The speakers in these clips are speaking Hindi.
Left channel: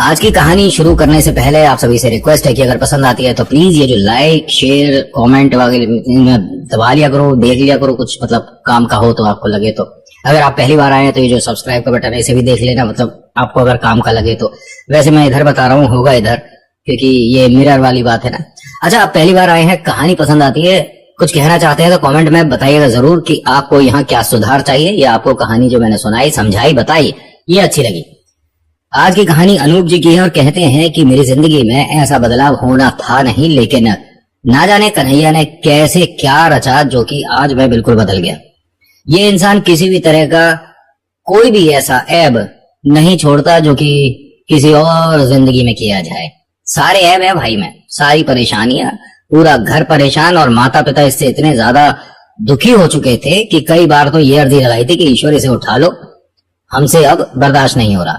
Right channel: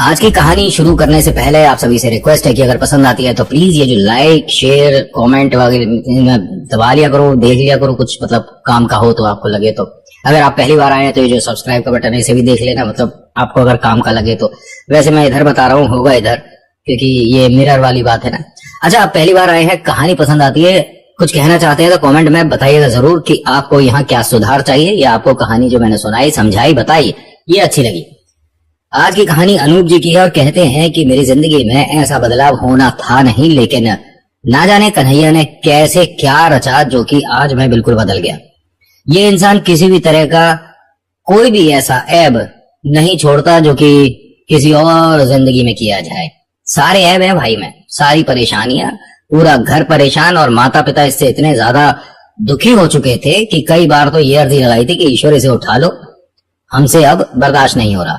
आज की कहानी शुरू करने से पहले आप सभी से रिक्वेस्ट है कि अगर पसंद आती है तो प्लीज ये जो लाइक शेयर कमेंट वगैरह दबा लिया करो, देख लिया करो, कुछ मतलब काम का हो तो आपको लगे तो। अगर आप पहली बार आए हैं तो ये जो सब्सक्राइब का बटन है इसे भी देख लेना, मतलब आपको अगर काम का लगे तो। वैसे मैं इधर बता रहा हूँ, होगा इधर, क्योंकि ये मिरर वाली बात है ना। अच्छा, आप पहली बार आए हैं, कहानी पसंद आती है, कुछ कहना चाहते हैं तो कमेंट में बताइएगा जरूर कि आपको यहाँ क्या सुधार चाहिए, या आपको कहानी जो मैंने सुनाई समझाई बताई ये अच्छी लगी। आज की कहानी अनूप जी की है और कहते हैं कि मेरी जिंदगी में ऐसा बदलाव होना था नहीं, लेकिन ना जाने कन्हैया ने कैसे क्या रचा जो कि आज मैं बिल्कुल बदल गया। ये इंसान किसी भी तरह का कोई भी ऐसा ऐब नहीं छोड़ता जो कि किसी और जिंदगी में किया जाए। सारे ऐब है भाई में, सारी परेशानियां, पूरा घर परेशान, और माता पिता इससे इतने ज्यादा दुखी हो चुके थे कि कई बार तो ये अर्जी लगाई थी कि ईश्वर इसे उठा लो, हमसे अब बर्दाश्त नहीं हो रहा।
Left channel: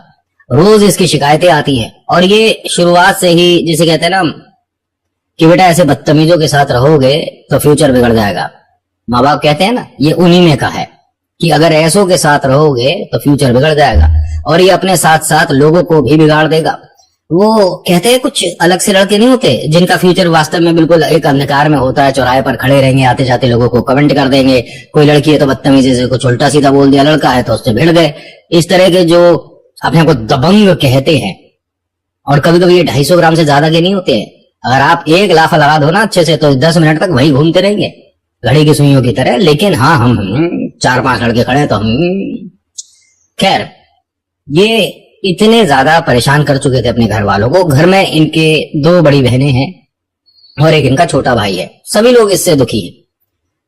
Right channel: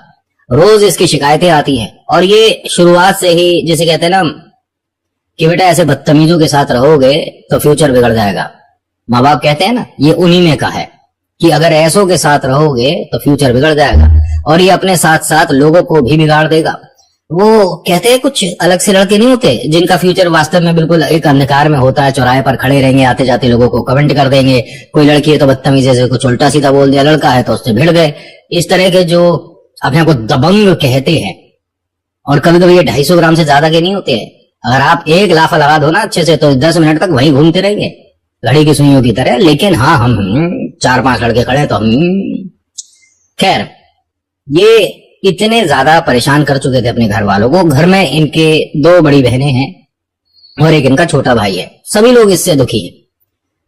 रोज इसकी शिकायतें आती हैं और ये शुरुआत से ही, जैसे कहते हैं ना कि बेटा ऐसे बदतमीजों के साथ रहोगे तो फ्यूचर बिगड़ जाएगा। माँ बाप कहते हैं ना, ये उन्हीं में का है कि अगर ऐसों के साथ रहोगे तो फ्यूचर बिगड़ जाएगा, और ये अपने साथ साथ लोगों को भी बिगाड़ देगा। वो कहते हैं कुछ अलग से लड़के नहीं होते जिनका फ्यूचर वास्तव में बिल्कुल एक अंधकार में होता है, चौराहे पर खड़े रहेंगे, आते जाते लोगों को कमेंट कर देंगे, कोई लड़की है तो बदतमीजी से कुछ उल्टा सीधा बोल दिया, लड़का है तो उससे भिड़ गए। इस तरह के जो अपने को दबंग कहते हैं, और कभी कभी ये 250 ग्राम से ज्यादा के नहीं होते हैं। अगर आप एक लाफा लगा दो ना अच्छे से तो 10 मिनट तक वहीं घूमते रहेंगे घड़ी की सुइयों की तरह। लेकिन हाँ, हम 4-5 लड़के खड़े तो हम खैर, ये इतने ज्यादा परेशान कर चुके थे अपने घर वालों को। घर में इनके 2 बड़ी बहनें हैं और एक इनका छोटा भाई है। सभी लोग इससे दुखी हैं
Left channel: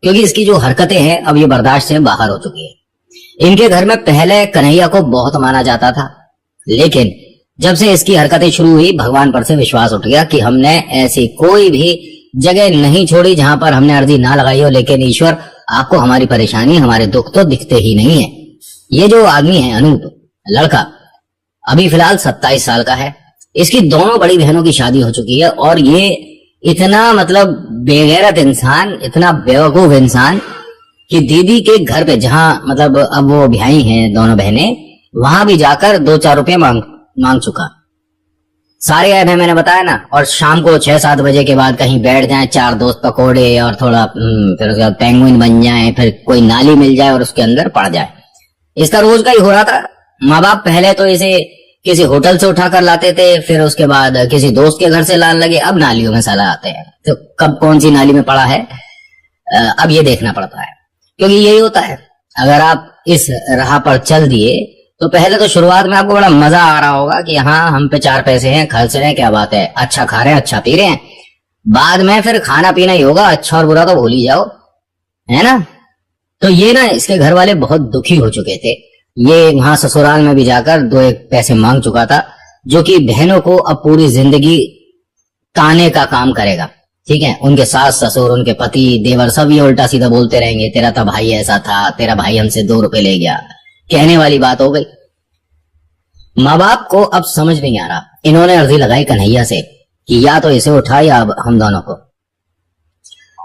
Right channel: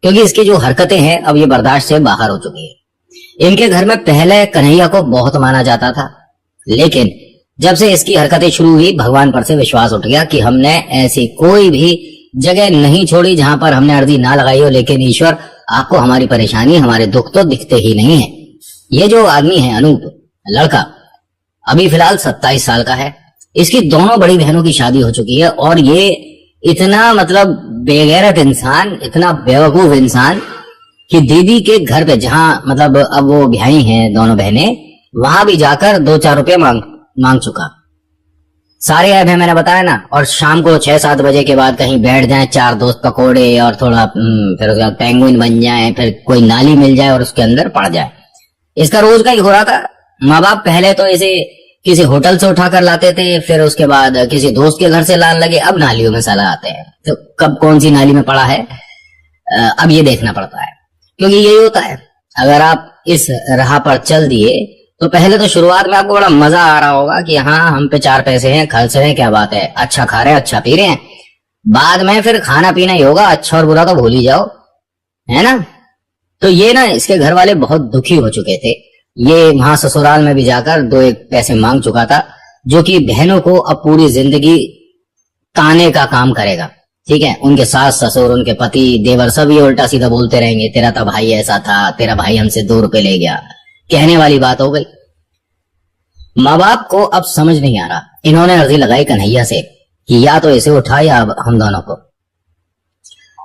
क्योंकि इसकी जो हरकतें हैं अब ये बर्दाश्त से बाहर हो चुकी है। इनके घर में पहले कन्हैया को बहुत माना जाता था, लेकिन जब से इसकी हरकतें शुरू हुई भगवान पर से विश्वास उठ गया कि हमने ऐसी कोई भी जगह नहीं छोड़ी जहां पर हमने अर्जी ना लगाई हो। लेकिन ईश्वर, आपको हमारी परेशानी, हमारे दुख तो दिखते ही नहीं है। ये जो आदमी है अनूप, लड़का अभी फिलहाल 27 साल का है। इसकी दोनों बड़ी बहनों की शादी हो चुकी है और ये इतना मतलब बेगैरत इंसान, इतना बेवकूफ इंसान कि दीदी के घर पे, जहां मतलब अब वो ब्याही हैं दोनों बहनें, वहां भी जाकर 2-4 रुपये मांग चुका। सारे ऐप है मैंने बताया ना। और शाम को 6-7 बजे के बाद कहीं बैठ जाए, 4 दोस्त पकोड़े और थोड़ा फिर उसके बाद पेंगुइन बन जाए, फिर कोई नाली मिल जाए और उसके अंदर पड़ जाए। इसका रोज का ही हो रहा था। माँ बाप पहले तो इसे किसी होटल से उठा कर लाते थे, फिर उसके बाद किसी दोस्त के घर से लाने लगे, अब नालियों में साला आते हैं। तो कब कौन सी नाली में पड़ा है अब ये देखना पड़ता है, क्योंकि यही होता है। अगर आप इस राह पर चल दिए तो पहले तो शुरुआत में आपको बड़ा मजा आ रहा होगा कि हाँ, हम पे 4 पैसे हैं, खर्च हैं, क्या बात है, अच्छा खा रहे हैं, अच्छा पी रहे हैं। बाद में फिर खाना पीना ही होगा, अच्छा और बुरा तो भूल ही जाओ, है ना। तो ये ना, इसके घर वाले बहुत दुखी हो चुके थे। ये वहां ससुराल में भी जाकर 2-1 पैसे मांग चुका था, जो कि बहनों को अब पूरी जिंदगी ताने का काम करेगा। ठीक है, उनके सास ससुर, उनके पति देवर सभी उल्टा सीधा बोलते रहेंगे, तेरा तो भाई ऐसा था, तेरा भाई हमसे 2 रुपए ले गया, कहने वाली बात हो गई। माँ बाप को अब समझ नहीं आ रहा। इन्होंने अर्जी लगाई कन्हैया से कि या तो इसे उठा या अब हम दोनों को।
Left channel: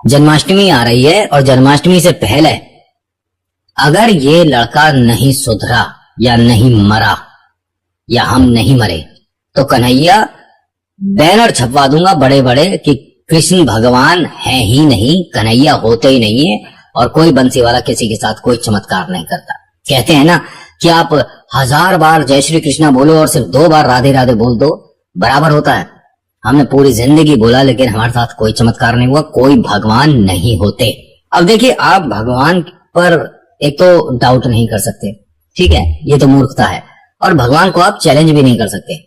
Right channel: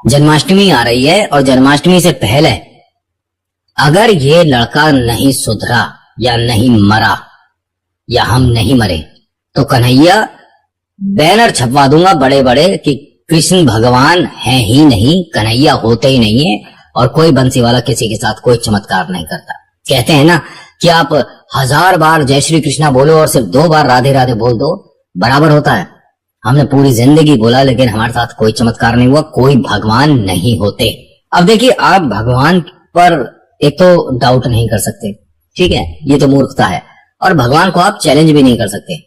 जन्माष्टमी आ रही है और जन्माष्टमी से पहले अगर ये लड़का नहीं सुधरा या नहीं मरा या हम नहीं मरे तो कन्हैया बैनर छपवा दूंगा बड़े बड़े कि कृष्ण भगवान है ही नहीं, कन्हैया होते ही नहीं है, और कोई बंसी वाला किसी के साथ कोई चमत्कार नहीं करता। कहते हैं ना कि आप 1000 बार जय श्री कृष्णा बोलो और सिर्फ 2 बार राधे राधे बोल दो, बराबर होता है। हमने पूरी जिंदगी बोला लेकिन हमारे साथ कोई चमत्कार नहीं हुआ, कोई भगवान नहीं होते। अब देखिए, आप भगवान पर एक तो डाउट नहीं कर सकते, ठीक है, ये तो मूर्खता है, और भगवान को आप चैलेंज भी नहीं कर सकते।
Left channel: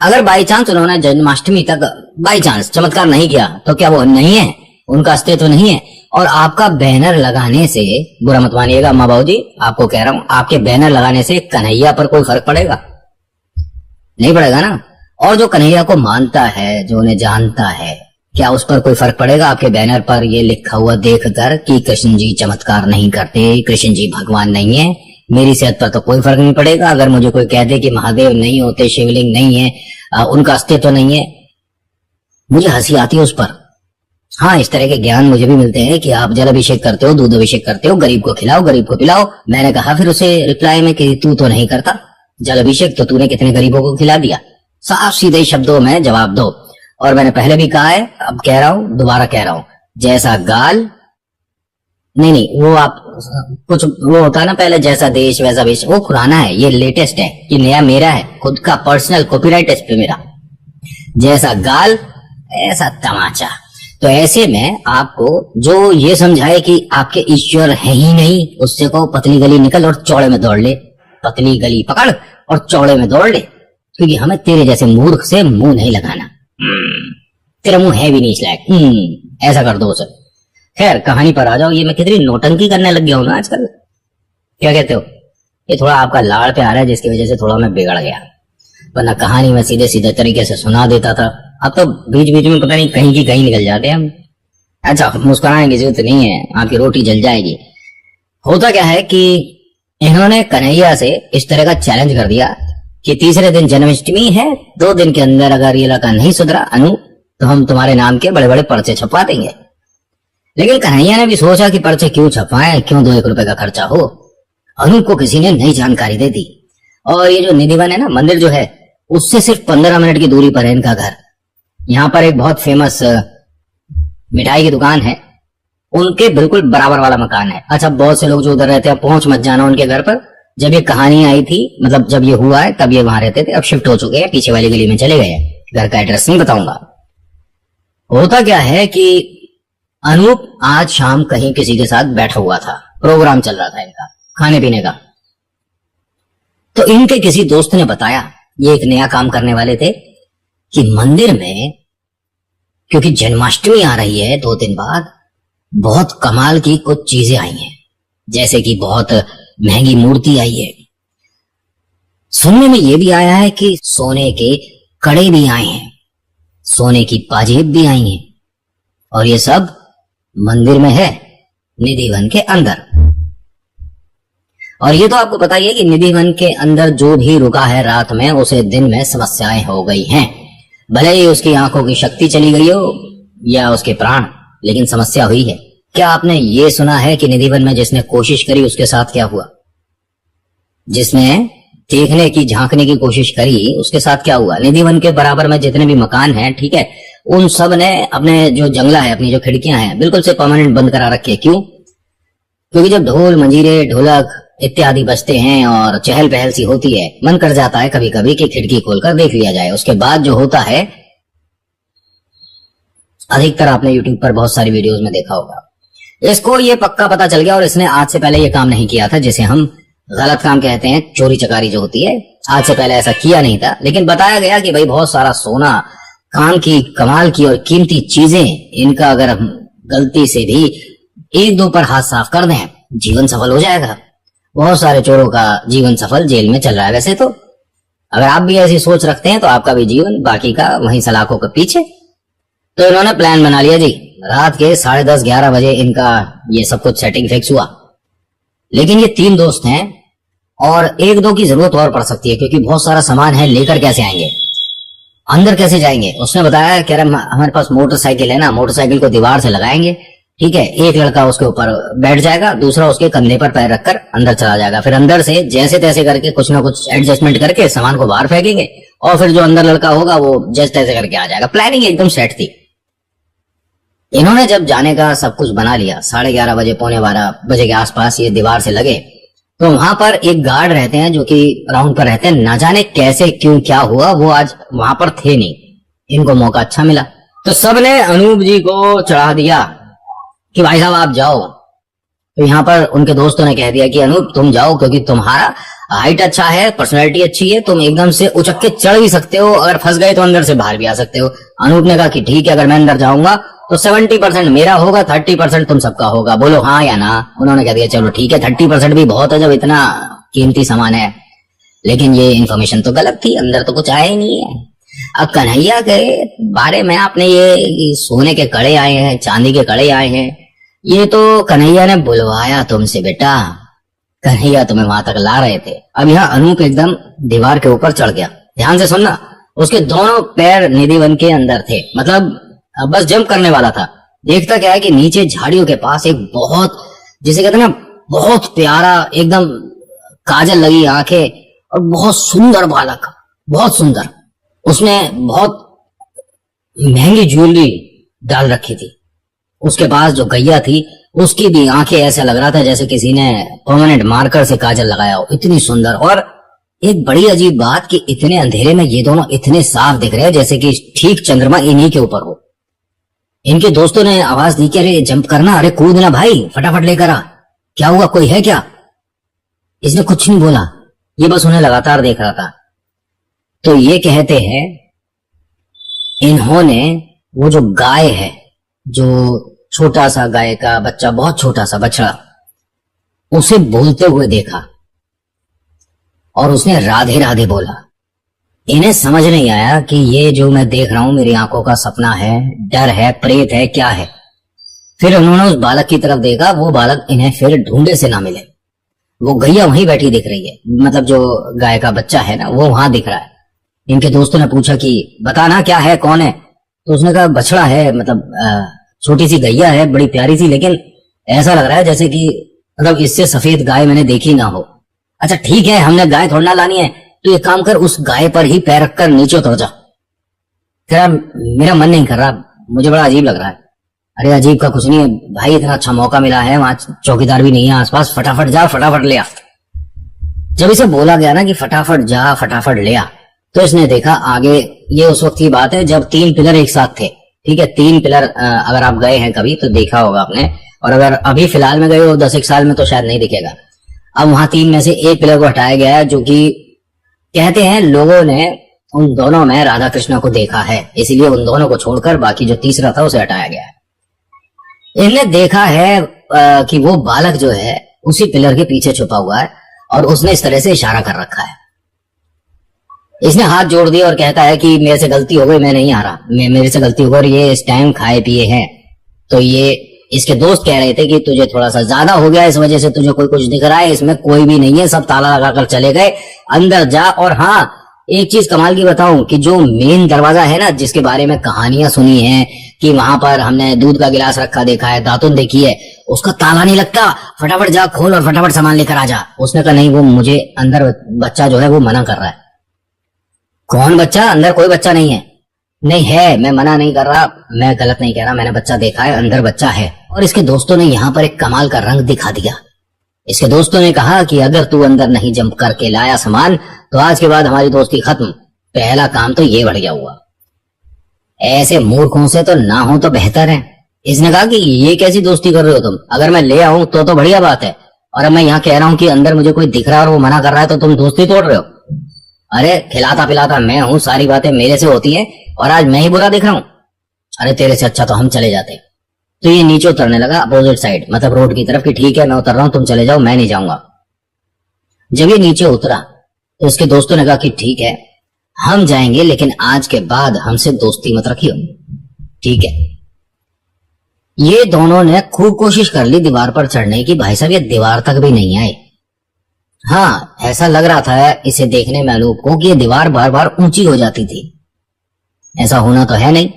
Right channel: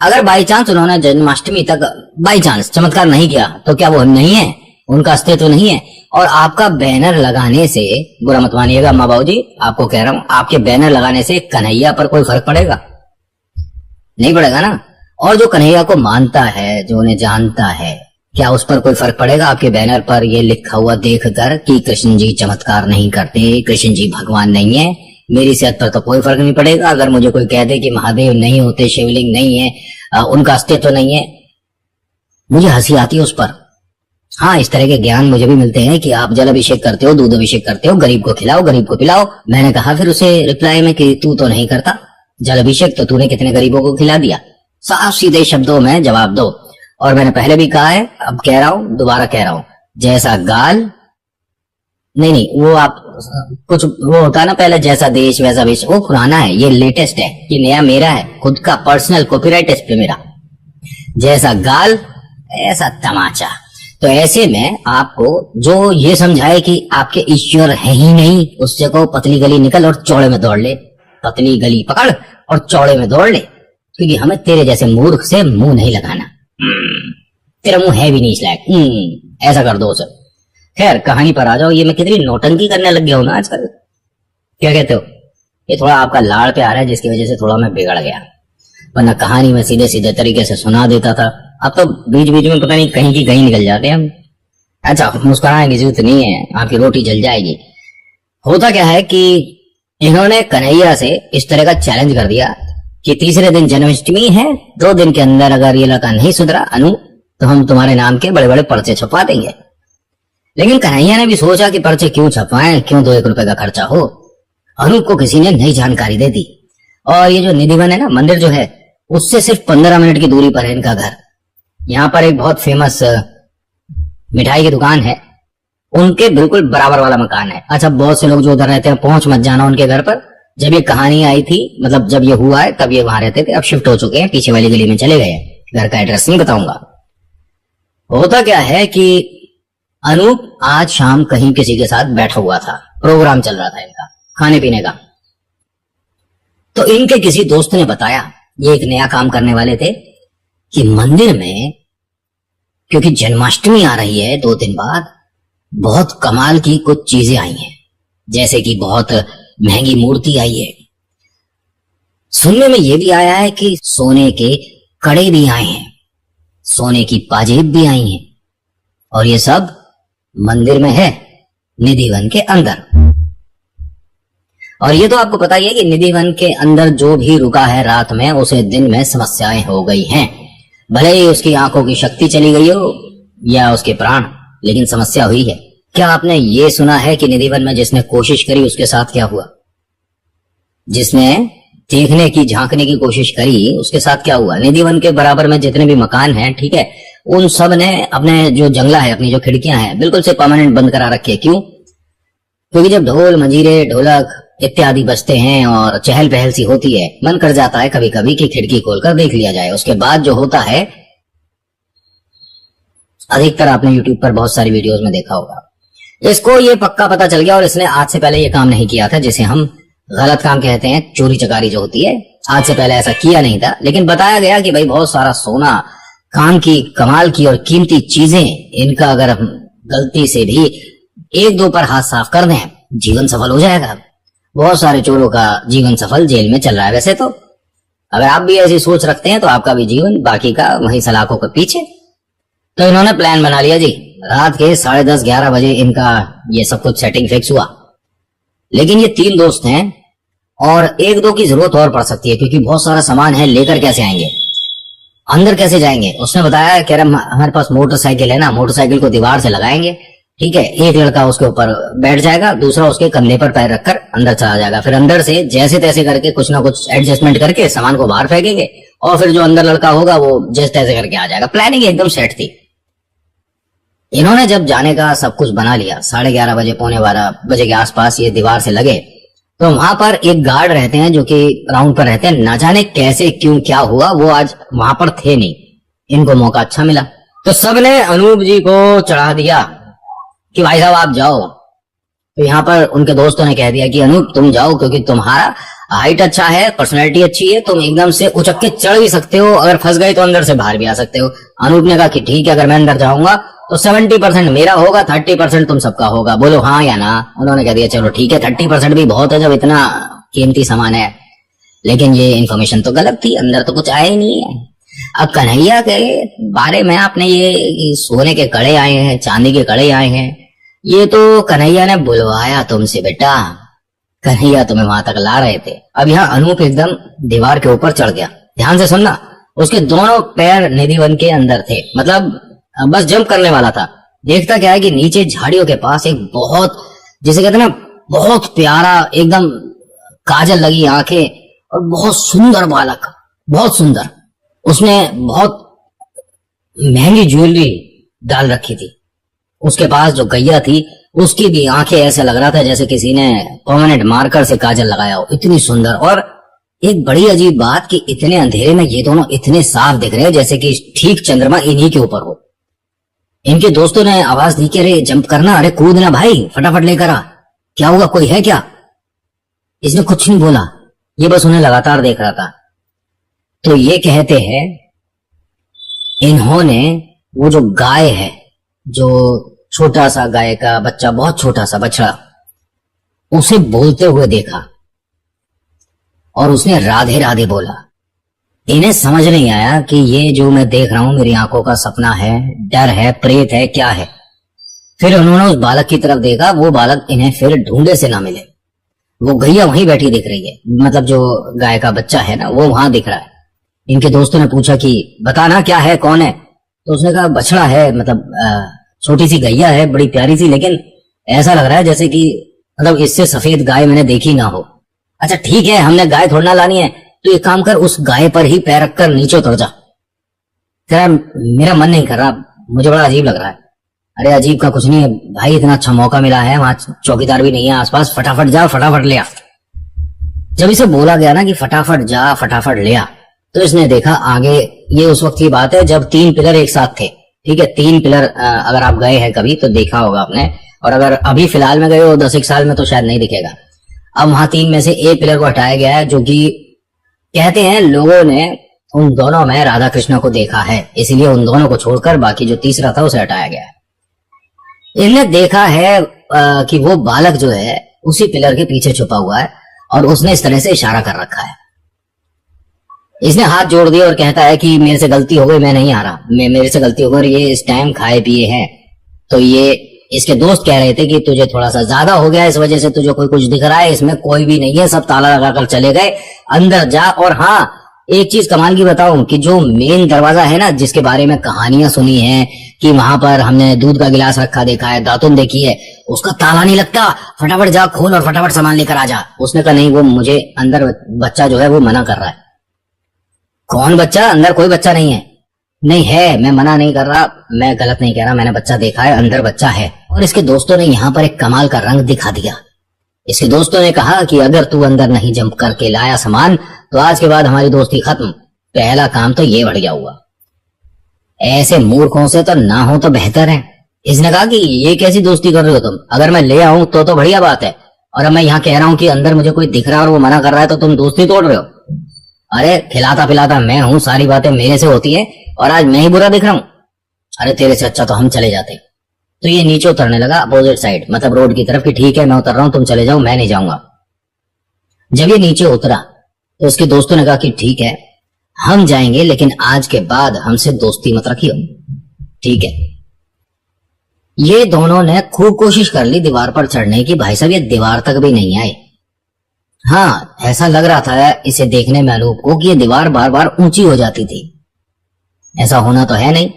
अगर बाई चांस उन्होंने जन्माष्टमी तक बाई चांस चमत्कार नहीं किया तो क्या वो नहीं है, उनका अस्तित्व तो नहीं है। और आपका बैनर लगाने से, बुरा मत मानिएगा माँ बाबू जी, आपको कह रहा हूं, आपके बैनर लगाने से कन्हैया पर कोई फर्क पड़ेगा? नहीं पड़ेगा ना। और जो कन्हैया को मानता है, जो उन्हें जानता है, क्या उस पर कोई फर्क पड़ेगा? आपके बैनर पर ये लिखा हुआ देखकर कि कृष्ण जी चमत्कार नहीं करते, कृष्ण जी भगवान नहीं है, मेरी सेहत पर तो कोई फर्क नहीं पड़ेगा। अगर मुझे कोई कह दे कि महादेव नहीं होते, शिवलिंग नहीं है, उनका अस्तित्व नहीं है, मुझे हंसी आती है उस पर। हाँ, इस तरह के ज्ञान मुझे भी मिलते हैं कि आप जल अभिषेक करते हो, दूध अभिषेक करते हो, गरीब को खिलाओ, गरीब को पिलाओ। मैंने कहा फिर उसे रिप्लाई में कि तू तो नहीं करता जल अभिषेक, तो तूने कितने गरीबों को खिला दिया? साफ सीधे शब्दों में जवाब दो। और मैंने पहले भी कहा है, अब कह रहा हूं, दोबारा कह रहा हूं, जैसा गाल नहीं, वो आप कुछ वो होता है ना पहले, जैसा देश वैसा वेश, वो पुराना है, ये लेटेस्ट है, ये नया मेरा है, खुद का पर्सनल कॉपीराइट इस पे मेरा। जैसा गाल ऐसा तमाचा। तो ऐसे में आपको जो ये समझाए कि आपके ईश्वर है ही नहीं, उससे कहो पतली गली निकल और चौड़े में दौड़ ले, पतली गली पकड़ और चौड़े में दौड़ ले, क्योंकि हमें तेरे जैसे मूर्ख से मुंह नहीं लगाना। तेरा मुंह है भी नहीं इस लायक। ऐसा कर दो उसे। खैर कहानी पर आ जाओ। ये मैं कितनी नोटंकी करने लग गया हूं ना आजकल, क्या कहते हो? ये थोड़ा आपका लाड़ पे आ रहा है, जिसकी वजह से थोड़ा मैं बिगड़ गया, वरना कहानी में सीधे सीधे तरीके से सुना देता था। अब तो बीच बीच में पता नहीं कहीं की कहीं निकल जाते हैं हम। अच्छा, मुस्कुराने की जरूरत नहीं है, आपकी रोटी जल जाएगी। होता क्या है कि इन्होंने कन्हैया से इस तरह का चैलेंज कर दिया कि तीसरे दिन जन्माष्टमी है, 2 दिन के अंदर अगर ये लड़का नहीं सुधरा अनु, तो हम तुम्हारे नाम के बड़े बड़े पर्चे छपवा देंगे। लेकिन कन्हैया ने भी सोचा कि पर्चे क्यों छपवाएं, क्यों 2-1 रुपए का खर्चा हो। अनु को किसी ने नई जानकारी दे दी, और ये जो निधिवन है ना, मंदिर जो है, उससे सिर्फ 15 मिनट की दूरी पर है इनका घर। यहाँ पर एक बहुत फेमस मिठाई की दुकान है, उनके बिल्कुल बराबर वाला मकान है। अच्छा, बहुत से लोग जो उधर रहते हैं, पहुंच मत जाना उनके घर पर। जब ये कहानी आई थी, मतलब जब ये हुआ है, तब ये वहां रहते थे, अब शिफ्ट हो चुके हैं, पीछे वाली गली में चले गए हैं। घर का एड्रेस नहीं बताऊंगा। होता क्या है कि अनूप आज शाम कहीं किसी के साथ बैठा हुआ था, प्रोग्राम चल रहा था इनका खाने पीने का। तो इनके किसी दोस्त ने बताया, ये एक नया काम करने वाले थे, कि मंदिर में क्योंकि जन्माष्टमी आ रही है 2 दिन बाद, बहुत कमाल की कुछ चीजें आई हैं। जैसे कि बहुत महंगी मूर्ति आई है। सुनने में यह भी आया है कि सोने के कड़े भी आए हैं, सोने की पाजेब भी आई हैं, और ये सब मंदिर में है, निधिवन के अंदर। और ये तो आपको पता ही है कि निधिवन के अंदर जो भी रुका है रात में, उसे दिन में समस्याएं हो गई हैं। भले ही उसकी आंखों की शक्ति चली गई हो या उसके प्राण, लेकिन समस्या हुई है। क्या आपने ये सुना है कि निधिवन में जिसने कोशिश करी उसके साथ क्या हुआ? जिसने देखने की, झांकने की कोशिश करी, उसके साथ क्या हुआ? निधिवन के बराबर में जितने भी मकान हैं, ठीक है, उन सब ने अपने जो जंगला है, अपनी जो खिड़कियां हैं, बिल्कुल से परमानेंट बंद करा रखी है। क्यों? क्योंकि जब ढोल मंजीरे ढोलक इत्यादि बजते हैं और चहल पहल सी होती है, मन कर जाता है कभी कभी कि खिड़की खोलकर देख लिया जाए। उसके बाद जो होता है, अधिकतर आपने यूट्यूब पर बहुत सारी वीडियोस में देखा होगा। इसको ये पक्का पता चल गया, और इसने आज से पहले ये काम नहीं किया था, जिसे हम गलत काम कहते हैं, चोरी चकारी जो होती है। आज से पहले ऐसा किया नहीं था, लेकिन बताया गया कि भाई बहुत सारा सोना, काम की, कमाल की और कीमती चीजें, इनका अगर हम गलती से भी 1-2 पर हाथ साफ कर दें, जीवन सफल हो जाएगा। बहुत सारे चोरों का जीवन सफल जेल में चल रहा है। वैसे तो अगर आप भी ऐसी सोच रखते हैं तो आपका भी जीवन, बाकी का वहीं सलाखों के पीछे। तो इन्होंने प्लान बना लिया जी, रात के 10:30-11 बजे इनका ये सब कुछ सेटिंग फिक्स हुआ। लेकिन ये 3 दोस्त हैं और 1-2 की जरूरत और पड़ सकती है, क्योंकि बहुत सारा सामान है, लेकर कैसे आएंगे, अंदर कैसे जाएंगे? उसने बताया, कह रहा हमारे पास मोटरसाइकिल है ना, मोटरसाइकिल को दीवार से लगाएंगे, ठीक है, एक लड़का उसके ऊपर बैठ जाएगा, दूसरा उसके कंधे पर पैर रखकर अंदर चला जाएगा। फिर अंदर से जैसे तैसे करके कुछ ना कुछ एडजस्टमेंट करके सामान को बाहर फेंकेंगे, और फिर जो अंदर लड़का होगा वो जैसे तैसे करके आ जाएगा। प्लानिंग एकदम सेट थी। इन्होंने जब जाने का सब कुछ बना लिया, 11:30 बजे, 11:45 बजे के आसपास ये दीवार से लगे, तो वहां पर एक गार्ड रहते हैं जो कि राउंड पर रहते हैं। ना जाने कैसे क्यों क्या हुआ, वो आज वहां पर थे नहीं, इनको मौका अच्छा मिला, तो सबने अनूप जी को चढ़ा दिया कि भाई साहब आप जाओ। तो यहाँ पर उनके दोस्तों ने कह दिया कि अनूप तुम जाओ, क्योंकि तुम्हारा हाइट अच्छा है, पर्सनैलिटी अच्छी है, तुम एकदम से उचक के चढ़ भी सकते हो, अगर फंस गए तो अंदर से बाहर भी आ सकते हो। अनूप ने कहा कि ठीक है, अगर मैं अंदर जाऊंगा तो 70% मेरा होगा, 30% तुम सबका होगा, बोलो हाँ या ना। उन्होंने कह दिया चलो ठीक है, 30% भी बहुत है जब इतना कीमती सामान है। लेकिन ये इन्फॉर्मेशन तो गलत थी, अंदर तो कुछ आया ही नहीं है। अब कन्हैया के बारे में आपने ये सोने के कड़े आए हैं, चांदी के कड़े आए हैं, ये तो कन्हैया ने बुलवाया तुमसे बेटा, कन्हैया तुम्हें वहां तक ला रहे थे। अब यहाँ अनूप एकदम दीवार के ऊपर चढ़ गया। ध्यान से सुनना, उसके दोनों पैर निधिवन के अंदर थे, मतलब बस जंप करने वाला था। देखता क्या है कि नीचे झाड़ियों के पास एक बहुत, जिसे कहते हैं ना, बहुत प्यारा, एकदम काजल लगी आंखें और बहुत सुंदर बालक, बहुत सुंदर, उसने बहुत महंगी ज्वेलरी डाल रखी थी। उसके पास जो गैया थी उसकी भी आंखें ऐसे लग रहा था जैसे किसी ने परमानेंट मार्कर से काजल लगाया हो, इतनी सुंदर। और एक बड़ी अजीब बात कि इतने अंधेरे में ये दोनों इतने साफ दिख रहे हैं जैसे कि ठीक चंद्रमा इन्हीं के ऊपर हो। इनके दोस्तों ने आवाज दी कि अरे जंप करना, अरे कूदना भाई, फटाफट लेकर आ, क्या हुआ, कोई है क्या? इसने कुछ नहीं बोला, ये बस उन्हें लगातार देख रहा था। तो ये कहते हैं इन्होंने वो जो गाय है, जो छोटा सा गाय का बच्चा, बहुत छोटा सा बछड़ा, उसे बोलते हुए देखा और उसने राधे राधे बोला। इन्हें समझ नहीं आया कि ये जो मैं देख रहा हूं मेरी आंखों का सपना है, डर है, प्रेत है, क्या है। फिर उन्होंने उस बालक की तरफ देखा, वो बालक इन्हें फिर ढूंढे से ना मिले। वो गैया वहीं बैठी दिख रही है, मतलब जो गाय का बच्चा है ना वो वहां दिख रहा है। इनके दोस्तों ने पूछा कि बताना क्या है, कौन है? तो उसने कहा बछड़ा है, मतलब छोटी सी गैया है, बड़ी प्यारी सी, लेकिन ऐसा लग रहा है जैसे कि मतलब इससे सफेद गाय मैंने देखी ना हो। अच्छा ठीक है, हमने गाय थोड़ा ना लानी है, तो एक काम कर, उस गाय पर ही पैर रखकर नीचे उतर जा। कह रहा मेरा मन नहीं कर रहा, मुझे बड़ा अजीब लग रहा है। अरे अजीब का कुछ नहीं है भाई, इतना अच्छा मौका मिला है, वहां चौकीदार भी नहीं है आसपास, फटाफट जा, फटाफट ले आ। जब इसे बोला गया ना कि फटाफट जा, फटाफट ले आ, तो इसने देखा आगे, ये उस वक्त की बात है जब 3 पिलर एक साथ थे। ठीक है, 3 पिलर, अगर आप गए हैं कभी तो देखा होगा आपने, और अगर अभी फिलहाल में गए हो 10 साल में तो शायद नहीं दिखेगा। अब वहां 3 में से एक पिलर को हटाया गया है, जो कि कहते हैं लोगों ने उन दोनों में राधा कृष्ण को देखा है, इसलिए उन दोनों को छोड़कर बाकी जो तीसरा था उसे हटाया गया है। इन्हें देखा है कि वो बालक जो है उसी पिलर के पीछे छुपा हुआ है और उसने इस तरह से इशारा कर रखा है। इसने हाथ जोड़ दिया और कहता है कि मेरे से गलती हो गई, मैं नहीं आ रहा, मेरे से गलती हो गई, और ये इस टाइम खाए पिए हैं। तो ये इसके दोस्त कह रहे थे कि तुझे थोड़ा सा ज्यादा हो गया, इस वजह से तुझे कोई कुछ दिख रहा है, इसमें कोई भी नहीं है, सब ताला लगाकर चले गए, अंदर जा। और हाँ, एक चीज कमाल की बताऊं कि जो मेन दरवाजा है ना, जिसके बारे में कहानियां सुनी है कि वहां पर हमने दूध का गिलास रखा देखा है, दातुन देखी है, उसका ताला नहीं लगता, फटाफट जा खोल और फटाफट सामान लेकर आ जा। उसने कहा नहीं, वो मुझे अंदर बच्चा जो है वो मना कर रहा है। कौन बच्चा? अंदर कोई बच्चा नहीं है। नहीं है, मैं मना नहीं कर रहा, मैं गलत नहीं कह रहा, मैंने बच्चा देखा है, अंदर बच्चा है। और इसके दोस्तों ने यहाँ पर एक कमाल का रंग दिखा दिया। इसके दोस्तों ने कहा कि अगर तू अंदर नहीं जंप करके लाया सामान तो आज के बाद हमारी दोस्ती खत्म। पहला काम तो ये बढ़िया हुआ, ऐसे मूर्खों से तो ना हो तो बेहतर है। इसने कहा कि ये कैसी दोस्ती कर रहे हो तुम, अगर मैं ले आऊं तो बढ़िया बात है, और अब मैं यहाँ कह रहा हूँ कि अंदर मुझे कोई दिख रहा है और वो मना कर रहा है तो तुम दोस्ती तोड़ रहे हो। अरे खिलाता पिलाता मैं हूँ, सारी बातें मेरे से होती है और आज मैं ही बुरा दिख रहा हूँ। अरे तेरे से अच्छा तो हम चले जाते। तो ये नीचे उतरने लगा अपोजिट साइड, मतलब रोड की तरफ, कि ठीक है मैं उतर रहा हूं, तुम चले जाओ, मैं नहीं जाऊंगा। जब ये नीचे उतरा तो उसके दोस्तों ने कहा कि ठीक है हम जाएंगे, लेकिन आज के बाद हमसे दोस्ती मत रखियो। ठीक है। ये दोनों ने खूब कोशिश कर ली दीवार पर चढ़ने की, भाई साहब ये दीवार तक भी नहीं आए। हाँ, ऐसा लग रहा था इसे देखने में अनूप को कि ये दीवार बार बार ऊंची हो जाती थी। ऐसा होना तो है नहीं,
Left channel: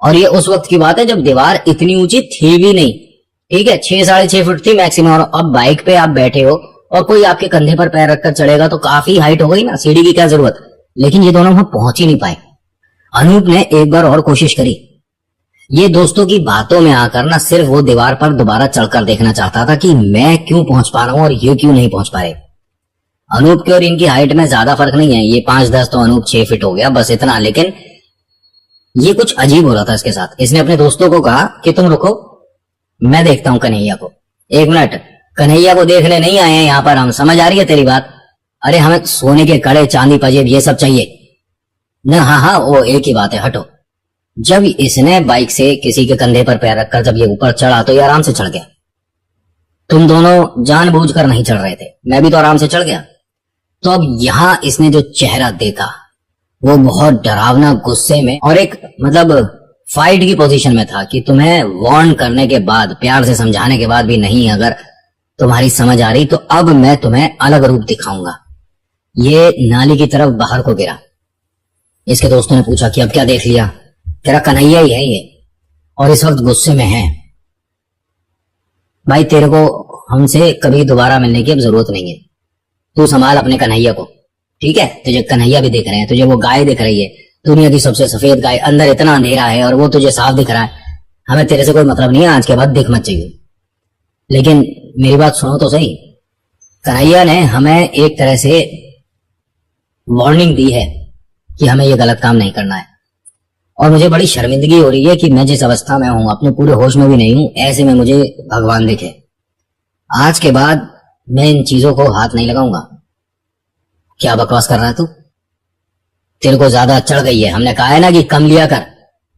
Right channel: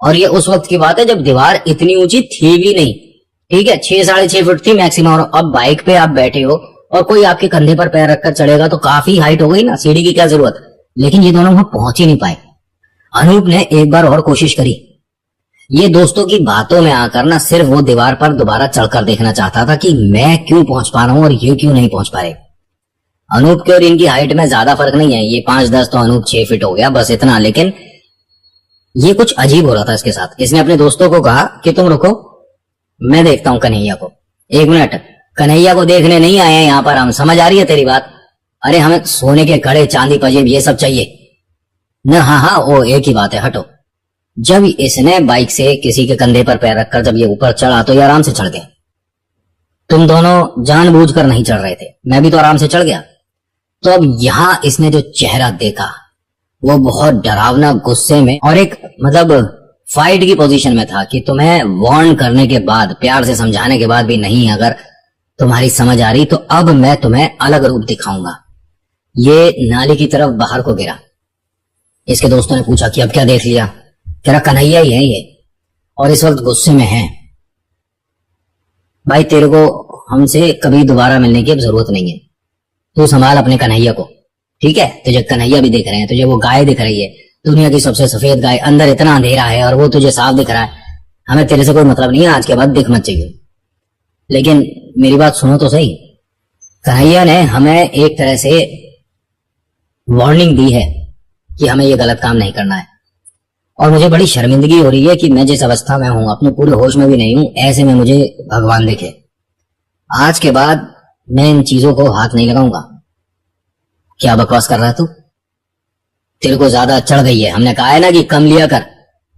और ये उस वक्त की बात है जब दीवार इतनी ऊंची थी भी नहीं। ठीक है, 6-6.5 फुट थी मैक्सिमम। और अब बाइक पे आप बैठे हो और कोई आपके कंधे पर पैर रखकर चढ़ेगा तो काफी हाइट हो गई ना, सीढ़ी की क्या जरूरत। लेकिन ये दोनों वहां पहुंच ही नहीं पाए। अनूप ने एक बार और कोशिश करी। ये दोस्तों की बातों में आकर ना सिर्फ वो दीवार पर दोबारा चढ़कर देखना चाहता था कि मैं क्यों पहुंच पा रहा हूं और ये क्यों नहीं पहुंच पा रहे। अनूप के और इनकी हाइट में ज्यादा फर्क नहीं है, ये 5-10 तो अनूप 6 फीट हो गया, बस इतना। लेकिन ये कुछ अजीब हो रहा था इसके साथ। इसने अपने दोस्तों को कहा कि तुम रुको, मैं देखता हूं कन्हैया को। 1 मिनट, कन्हैया को देखने नहीं आए हैं यहाँ पर हम, समझ आ रही है तेरी बात? अरे हमें सोने के कड़े, चांदी पजेब ये सब चाहिए न। हाँ हाँ, वो एक ही बात है, हटो। जब इसने बाइक से किसी के कंधे पर पैर रखकर जब ये ऊपर चढ़ा तो ये आराम से चढ़ गया। तुम दोनों जानबूझकर नहीं चढ़ रहे थे, मैं भी तो आराम से चढ़ गया। तो अब यहां इसने जो चेहरा देखा वो बहुत डरावना, गुस्से में और एक मतलब फाइट की पोजीशन में था कि तुम्हें वार्न करने के बाद, प्यार से समझाने के बाद भी नहीं अगर तुम्हारी समझ आ रही तो अब मैं तुम्हें अलग रूप दिखाऊंगा। ये नाली की तरफ बाहर को गिरा। इसके दोस्तों ने पूछा कि अब क्या देख लिया? तेरा कन्हैया ही है ये, और इस वक्त गुस्से में है। भाई तेरे को हमसे कभी दोबारा मिलने की अब जरूरत नहीं है, तू संभाल अपने कन्हैया को। ठीक है, तुझे कन्हैया भी देख रहे हैं, तुझे वो गाय दिख रही है, दुनिया की सबसे सफेद गाय, अंदर इतना अंधेरा है और वो तुझे साफ दिख रहा है। हमें तेरे से कोई मतलब नहीं है, आज के बाद दिख मत चाहिए। लेकिन मेरी बात सुनो तो सही, कन्हैया ने हमें एक तरह से वार्निंग दी है कि हमें ये गलत काम नहीं करना है। और मुझे बड़ी शर्मिंदगी हो रही है कि मैं जिस अवस्था में हूं, अपने पूरे होश में भी नहीं हूं, ऐसे में मुझे भगवान दिखे। आज के बाद मैं इन चीजों को हाथ नहीं लगाऊंगा। क्या बकवास कर रहा है तू? तेरे को ज्यादा चढ़ गई है। हमने कहा है ना कि कम लिया कर।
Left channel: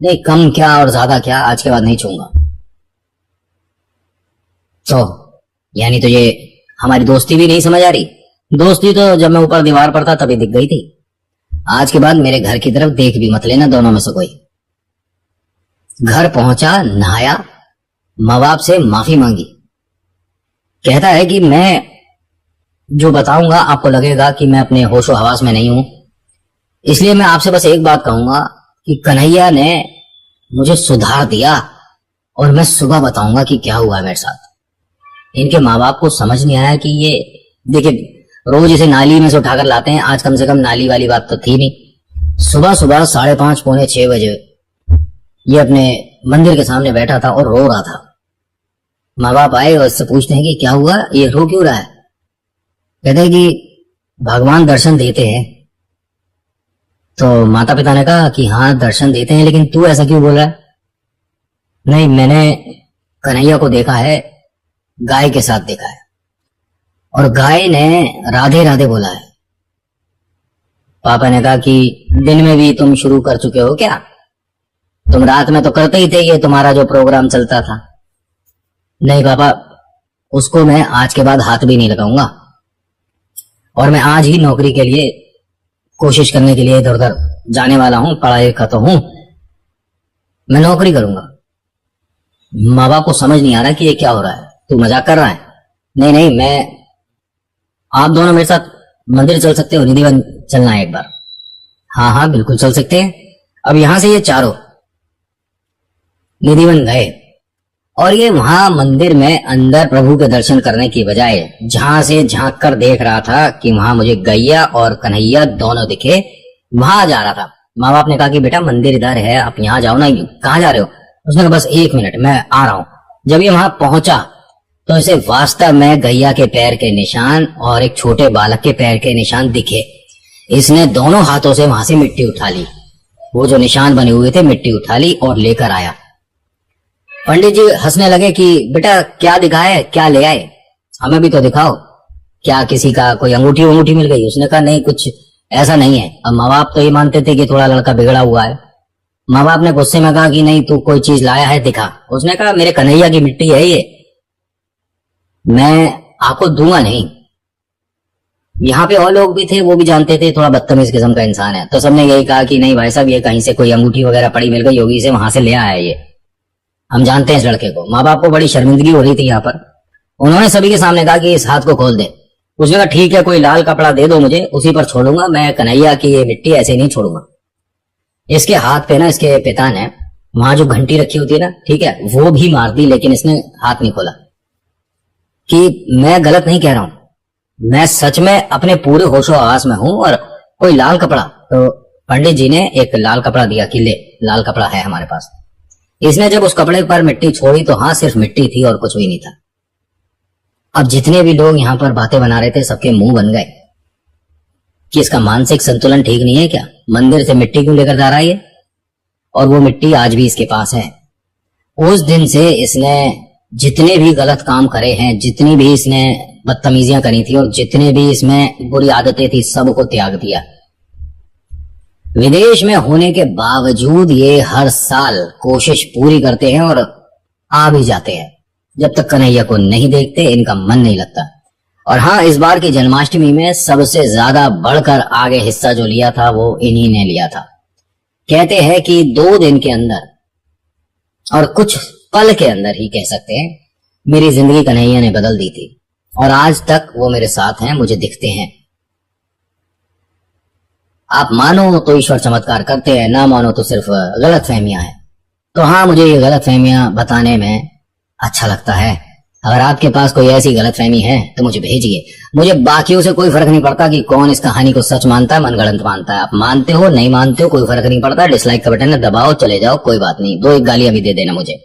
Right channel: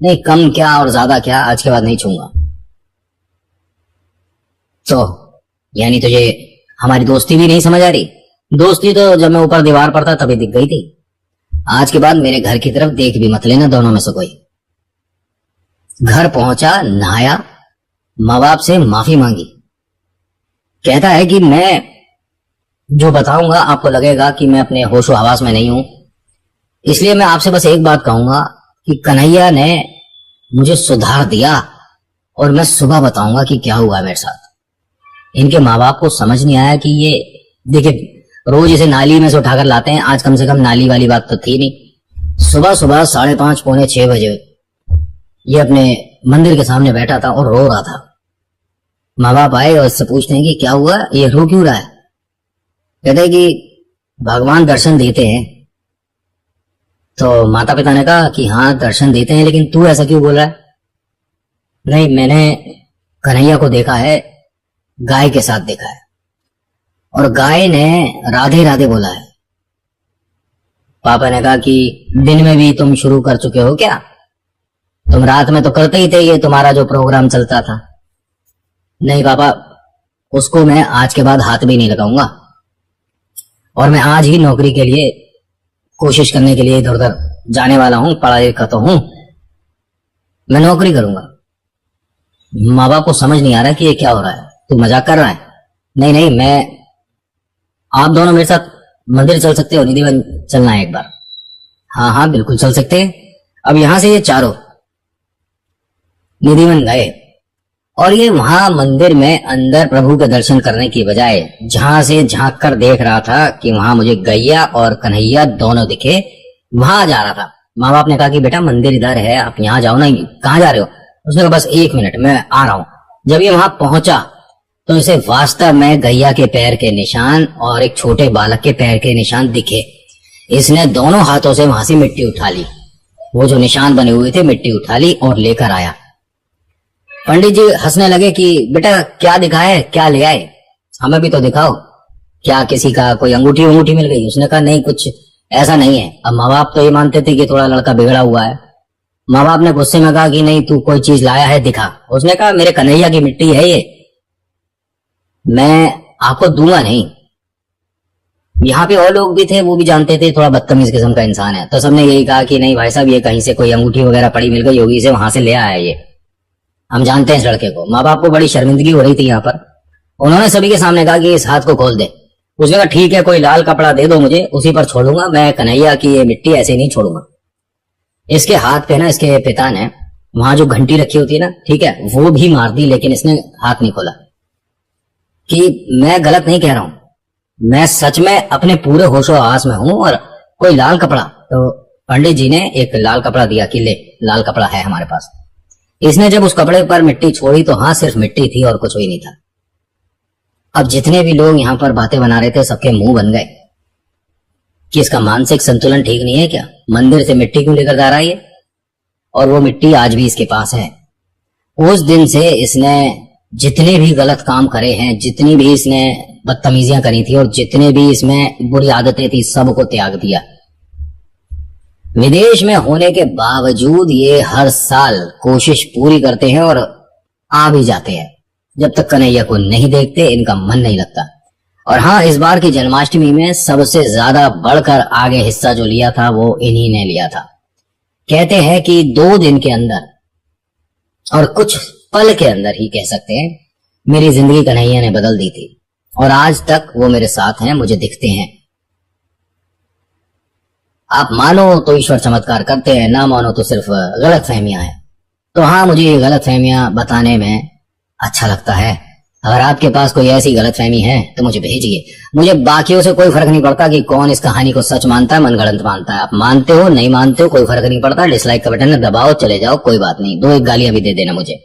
नहीं, कम क्या और ज्यादा क्या, आज के बाद नहीं छूंगा। तो यानी तुझे हमारी दोस्ती भी नहीं समझ आ रही? दोस्ती तो जब मैं ऊपर दीवार पर था तभी दिख गई थी। आज के बाद मेरे घर की तरफ देख भी मत लेना दोनों में से कोई। घर पहुंचा, नहाया, माँ बाप से माफी मांगी। कहता है कि मैं जो बताऊंगा आपको लगेगा कि मैं अपने होशो हवास में नहीं हूं, इसलिए मैं आपसे बस एक बात कहूंगा कि कन्हैया ने मुझे सुधार दिया और मैं सुबह बताऊंगा कि क्या हुआ है मेरे साथ। इनके माँ बाप को समझ नहीं आया कि ये देखिए रोज इसे नाली में से उठाकर लाते हैं, आज कम से कम नाली वाली बात तो थी नहीं। सुबह सुबह 5:30 पौने 6 बजे ये अपने मंदिर के सामने बैठा था और रो रहा था। माँ बाप आए और उससे पूछते हैं कि क्या हुआ, ये रो क्यों रहा है? कहते हैं कि भगवान दर्शन देते हैं। तो माता पिता ने कहा कि हाँ दर्शन देते हैं, लेकिन तू ऐसा क्यों बोल रहा है? नहीं, मैंने कन्हैया को देखा है, गाय के साथ देखा है, और गाय ने राधे राधे बोला है। पापा ने कहा कि दिन में भी तुम शुरू कर चुके हो क्या? तुम रात में तो करते ही थे, ये तुम्हारा जो प्रोग्राम चलता था। नहीं पापा, उसको मैं आज के बाद हाथ भी नहीं लगाऊंगा, और मैं आज ही नौकरी के लिए कोशिश करने के लिए इधर उधर जाने वाला हूं। पढ़ाई का तो हूं, मैं नौकरी करूंगा। माँ बाप को समझ नहीं आ रहा कि ये क्या हो रहा है, तू मजाक कर रहा है। नहीं नहीं, मैं आप दोनों मेरे साथ मंदिर चल सकते हो, निधिवन चलना है एक बार। हाँ हाँ बिल्कुल चल सकते हैं। अब यहां से ये चारों निधिवन गए और ये वहां मंदिर में अंदर प्रभु के दर्शन करने की बजाय जहां से झांक कर देख रहा था कि वहां मुझे गैया और कन्हैया दोनों दिखे, वहां जा रहा था। माँ बाप ने कहा कि बेटा मंदिर इधर है, आप यहाँ जाओ ना। कहाँ जा रहे हो? उसने कहा बस 1 मिनट, मैं आ रहा हूं। जब ये वहां पहुंचा तो इसे वास्तव में गैया के पैर के निशान और एक छोटे बालक के पैर के निशान दिखे। इसने दोनों हाथों से वहां से मिट्टी उठा ली, वो जो निशान बने हुए थे मिट्टी उठा ली और लेकर आया। पंडित जी हंसने लगे कि बेटा क्या दिखा है, क्या ले आए, हमें भी तो दिखाओ। क्या किसी का कोई अंगूठी वंगूठी मिल गई? उसने कहा नहीं, कुछ ऐसा नहीं है। अब माँ बाप तो ये मानते थे कि थोड़ा लड़का बिगड़ा हुआ है। माँ बाप ने गुस्से में कहा कि नहीं, तू कोई चीज लाया है, दिखा। उसने कहा मेरे कन्हैया की मिट्टी है ये, मैं आपको दूंगा नहीं। यहाँ पे और लोग भी थे, वो भी जानते थे थोड़ा बदतमीज किस्म का इंसान है, तो सबने यही कहा कि नहीं भाई साहब, ये कहीं से कोई अंगूठी वगैरह पड़ी मिल गई होगी, इसे वहां से ले आया है ये, हम जानते हैं इस लड़के को। माँ बाप को बड़ी शर्मिंदगी हो रही थी यहाँ पर। उन्होंने सभी के सामने कहा कि इस हाथ को खोल दे। उसने कहा ठीक है, कोई लाल कपड़ा दे दो मुझे, उसी पर छोड़ूंगा, मैं कन्हैया की ये मिट्टी ऐसे नहीं छोड़ूंगा। इसके हाथ पे ना, इसके पिता ने वहां जो घंटी रखी होती है ना, ठीक है, वो भी मार दी, लेकिन इसने हाथ नहीं खोला। कि मैं गलत नहीं कह रहा हूं, मैं सच में अपने पूरे होशो आवास में हूं। और कोई लाल कपड़ा, तो पंडित जी ने एक लाल कपड़ा दिया कि ले, लाल कपड़ा है हमारे पास। इसने जब उस कपड़े पर मिट्टी छोड़ी तो हाँ सिर्फ मिट्टी थी और कुछ भी नहीं था। अब जितने भी लोग यहाँ पर बातें बना रहे थे, सबके मुंह बन गए कि इसका मानसिक संतुलन ठीक नहीं है क्या, मंदिर से मिट्टी क्यों लेकर जा रहा है ये? और वो मिट्टी आज भी इसके पास है। उस दिन से इसने जितने भी गलत काम करे हैं, जितनी भी इसने बदतमीजियां करी थी और जितने भी इसमें बुरी आदतें थी, सबको त्याग दिया। विदेश में होने के बावजूद ये हर साल कोशिश पूरी करते हैं और आ भी जाते हैं। जब तक कन्हैया को नहीं देखते इनका मन नहीं लगता। और हाँ, इस बार की जन्माष्टमी में सबसे ज्यादा बढ़कर आगे हिस्सा जो लिया था वो इन्हीं ने लिया था। कहते हैं कि 2 दिन के अंदर और कुछ पल के अंदर ही कह सकते हैं, मेरी जिंदगी कन्हैया ने बदल दी थी और आज तक वो मेरे साथ हैं, मुझे दिखते हैं। आप मानो तो ईश्वर चमत्कार करते हैं, ना मानो तो सिर्फ गलत फहमियां हैं। तो हाँ, मुझे ये गलत फहमियां बताने में अच्छा लगता है। अगर आपके पास कोई ऐसी गलतफहमी है तो मुझे भेजिए। मुझे बाकियों से कोई फर्क नहीं पड़ता कि कौन इस कहानी को सच मानता है मनगढ़ंत मानता है। आप मानते हो नहीं मानते हो कोई फर्क नहीं पड़ता, डिसलाइक का बटन दबाओ, चले जाओ, कोई बात नहीं, 2 एक गालियां भी दे देना मुझे।